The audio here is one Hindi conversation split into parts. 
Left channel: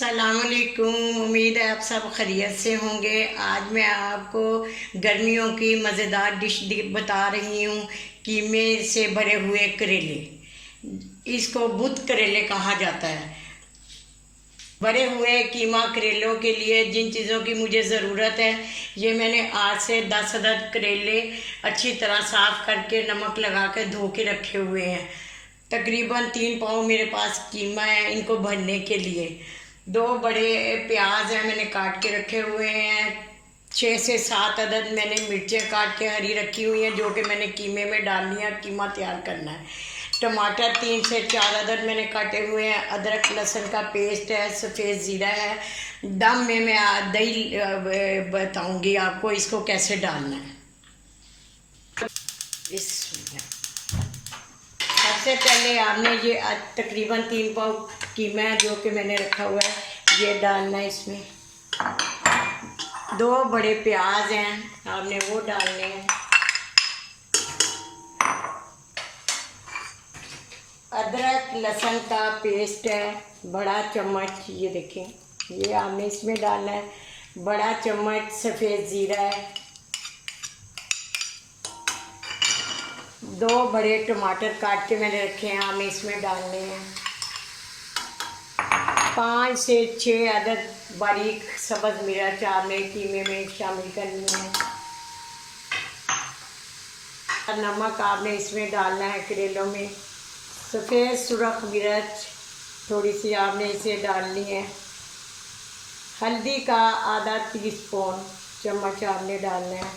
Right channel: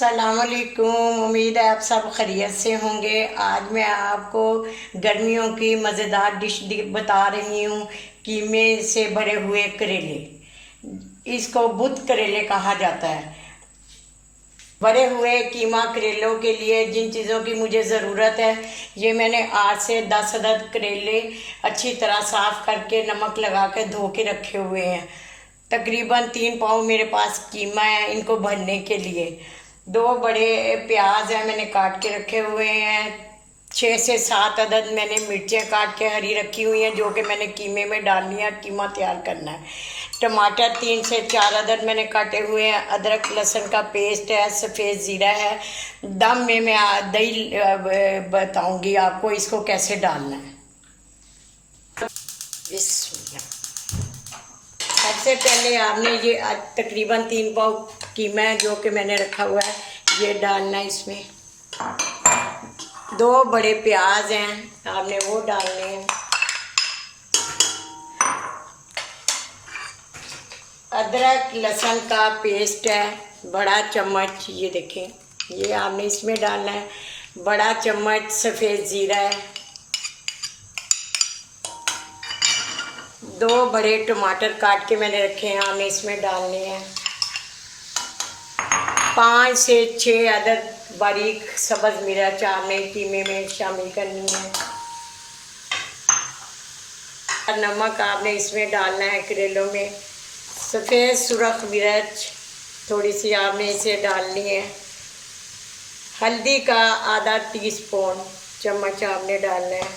सलामुअलैकुम। उम्मीद है आप सब खैरियत से होंगे। आज मैं आपको गर्मियों की मज़ेदार डिश बता रही हूँ, कीमे से भरे हुए करेले। इसको बुत करेले कहा जाता है। भरे हुए कीमा करेलों के लिए जिन चीज़ों की मुझे ज़रूरत है, ये मैंने 8 से 10 अदद करेले अच्छी तरह साफ़ करके नमक लगा के धो के रखे हुए हैं। तकरीबन 3 पाव मेरे पास कीमा है इनको भरने के लिए। 2 बड़े प्याज हैं मैंने काट के रखे हुए हैं। 6 से 7 अदद मैंने मिर्चें काट के हरी रखी हुई हैं, जो कि मैंने कीमे में डालनी है, कीमा तैयार करना है। टमाटर 3 से 4 अदद मैंने काटे हुए हैं। अदरक लहसुन का पेस्ट है। सफ़ेद ज़ीरा है। दम में मैं दही बताऊंगी आपको इसको कैसे डालना है। सबसे पहले आपने ये तकरीबन 3 पाव कीमा है जो कि मैंने रखा हुआ है, ये डालना है इसमें। 2 बड़े प्याज हैं, आपने वो डालने हैं। अदरक लहसुन का पेस्ट है, बड़ा चम्मच, ये देखें, ये आपने इसमें डालना है। बड़ा चम्मच सफ़ेद ज़ीरा है। 2 बड़े टमाटर काट के मैंने रखे हैं, आपने इसमें डालने हैं। 5 से 6 अदद बारीक सब्ज़ मिर्च आपने कीमे में शामिल करनी है। नमक आपने इसमें डालना है करेलों में। सफ़ेद सुरख मिर्च थोड़ी सी आपने इसे डालनी है। हल्दी का आधा टीस्पून चम्मच आपने डालना है।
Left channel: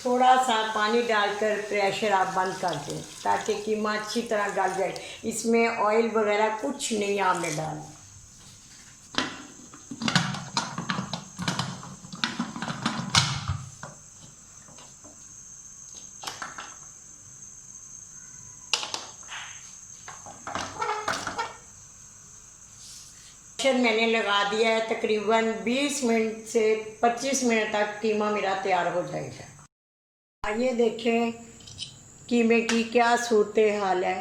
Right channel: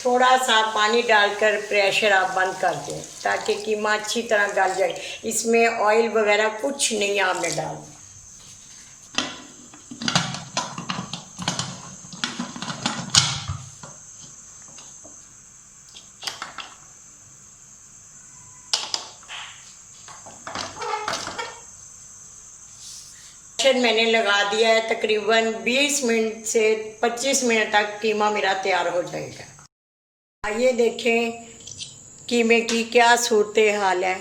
थोड़ा सा पानी डालकर प्रेशर आप बंद कर दें ताकि कीमा अच्छी तरह गल जाए। इसमें ऑयल वगैरह कुछ नहीं आपने डालना। मैंने लगा दिया है। तकरीबन 20 मिनट से 25 मिनट तक कीमा मेरा तैयार हो जाएगा। आइए देखें कीमे की क्या सूरत हाल है।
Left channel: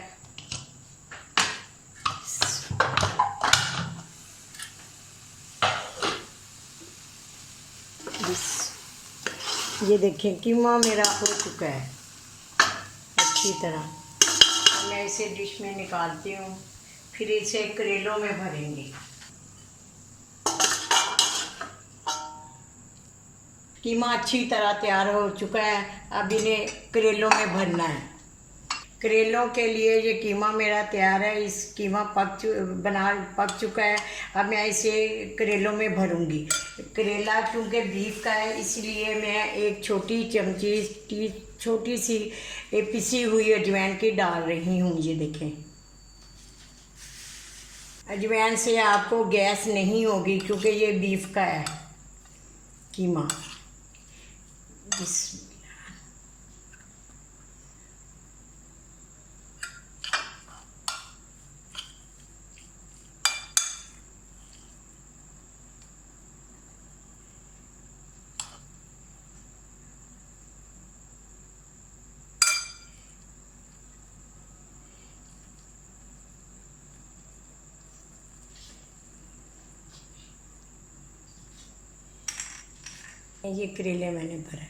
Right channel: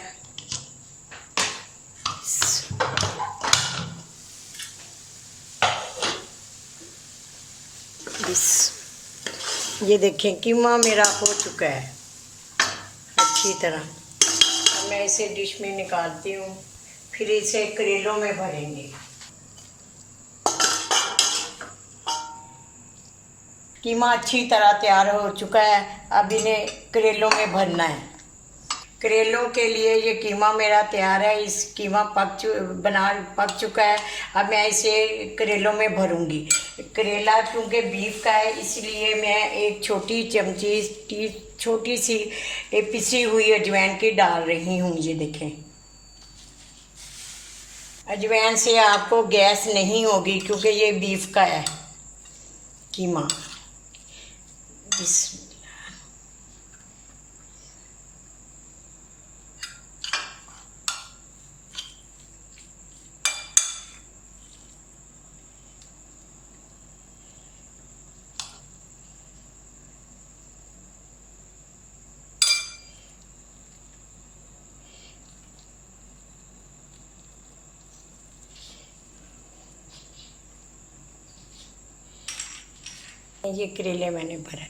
ये देखें कीमा मेरा हो चुका है अच्छी तरह। मैं इसे डिश में निकालती हूँ, फिर इसे करेलों में भरेंगे। कीमा अच्छी तरह तैयार हो चुका है, अब इन्हें करेलों में भरना है। करेलों के लिए ये कीमा मेरा तैयार है। इस कीमा पक चुका है। अब मैं इसे करेलों में भरूंगी। करेला क्योंकि बीफ का है, इसलिए मैं एक छोटी चमची छोटी सी पिसी हुई अजवाइन की डाल रही हूँ। ये देखें, अजवाइन से आपको गैस नहीं होगी क्योंकि ये बीफ का है कीमा। ये करेले मैंने भरा,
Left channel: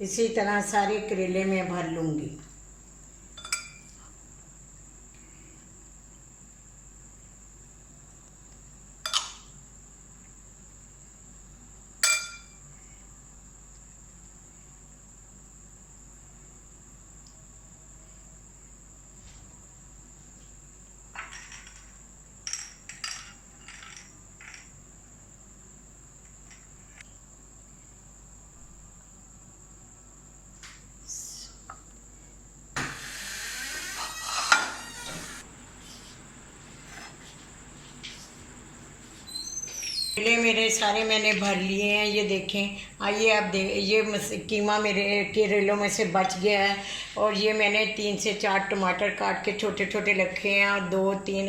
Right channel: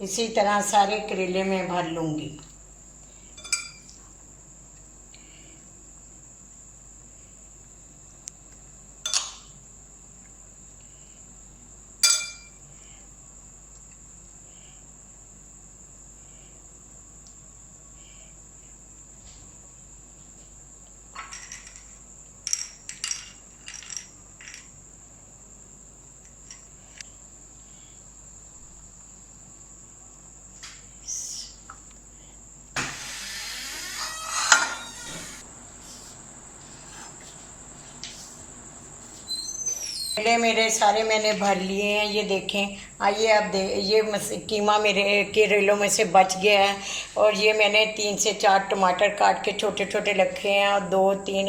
इसी तरह सारे करेले मैं भर लूँगी। करेले मेरे सारे मैंने भर लिए हैं, ये देखें। आइए अब ये कीमा मेरे करेलों में से बच गया है। और ये मैंने 3 से 4 टमाटर काट के छोटे छोटे रखे हैं, और 2-3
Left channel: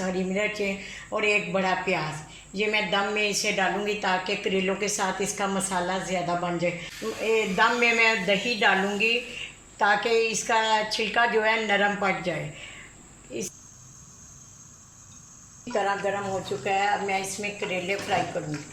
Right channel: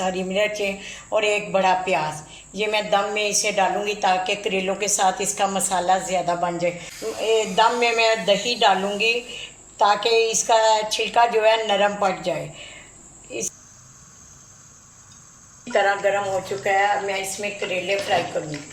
हरी मिर्चें और 1 बड़ा प्याज। ये मैं दम में इसे डालूंगी ताकि करेलों के साथ इसका मसाला ज़्यादा बन जाए। दम में मैं दही डालूंगी ताकि इसका छिलका जो है नरम पड़ जाए। इस तरह गर्म हो चुका है। अब मैं इसमें करेले फ्राई करूँगी।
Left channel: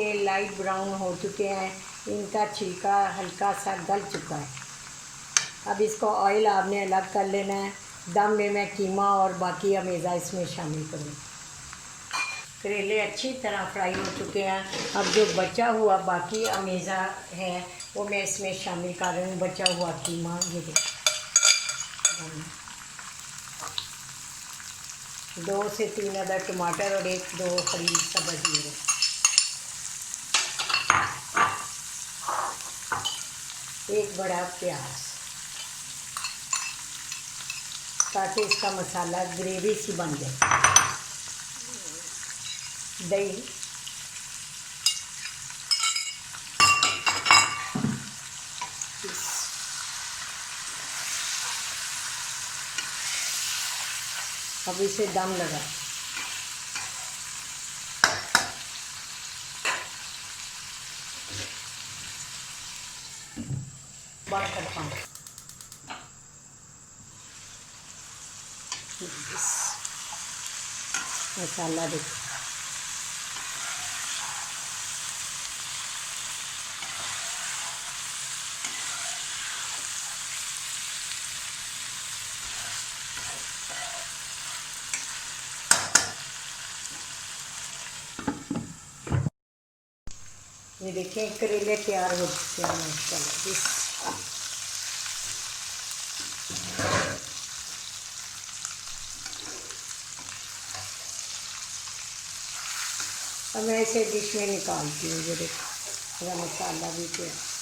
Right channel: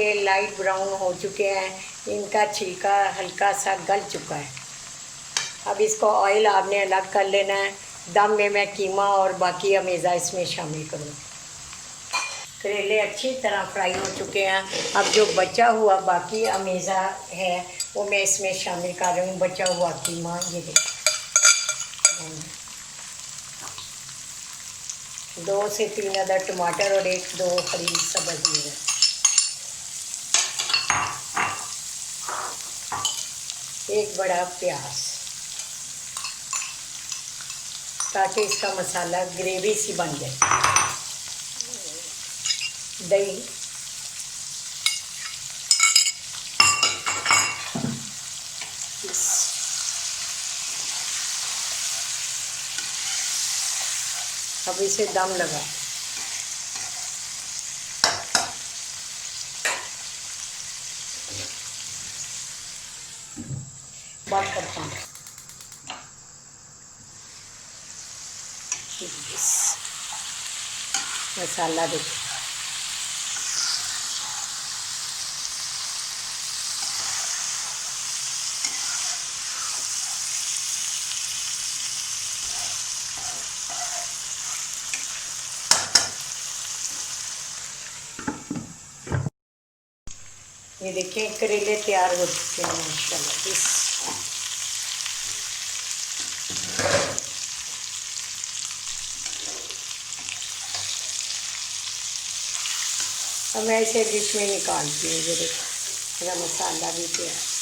ये लाइट ब्राउन हो चुके हैं, इनका छिलका हल्का सा गल चुका है। अब इसको ऑयल आपने अलग कर लेना है। दम में मैं कीमा और बाकी अमेज़ा इसमें शामिल करूँ। करेले अच्छी तरह फ्राई हो चुके हैं। अब जो बचा हुआ बाकी अमेज़ा है वो मैं इसमें शामिल कर रही हूँ। बचा हुआ कीमा ये 2 से 3 अदर टमाटर और 1-2 हरी सब्ज़ मिर्च, एक बड़ा प्याज, ताकि इसका मसाला ग्रेवी सी बन जाए। दही, अब इसे दम लगा। बात करता हूँ। मसाला देखो, ये देखिए करेले तैयार हो चुके हैं माशाल्लाह। अब मैं इसे डिश में निकालती हूँ। ये देखो मेरा मसाला भी तैयार।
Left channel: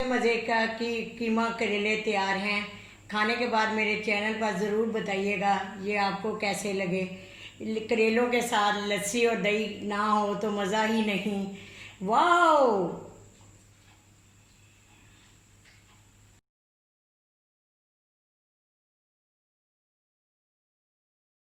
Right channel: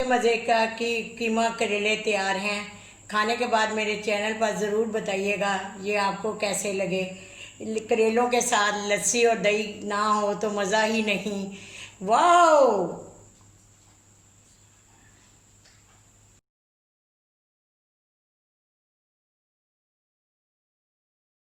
मज़े का कीमा करेले तैयार हैं। खाने के बाद मेरे चैनल पर ज़रूर बताइएगा ये आपको कैसे लगे। करेलों के साथ लस्सी और दही ना हो तो मज़ा ही नहीं। वाह।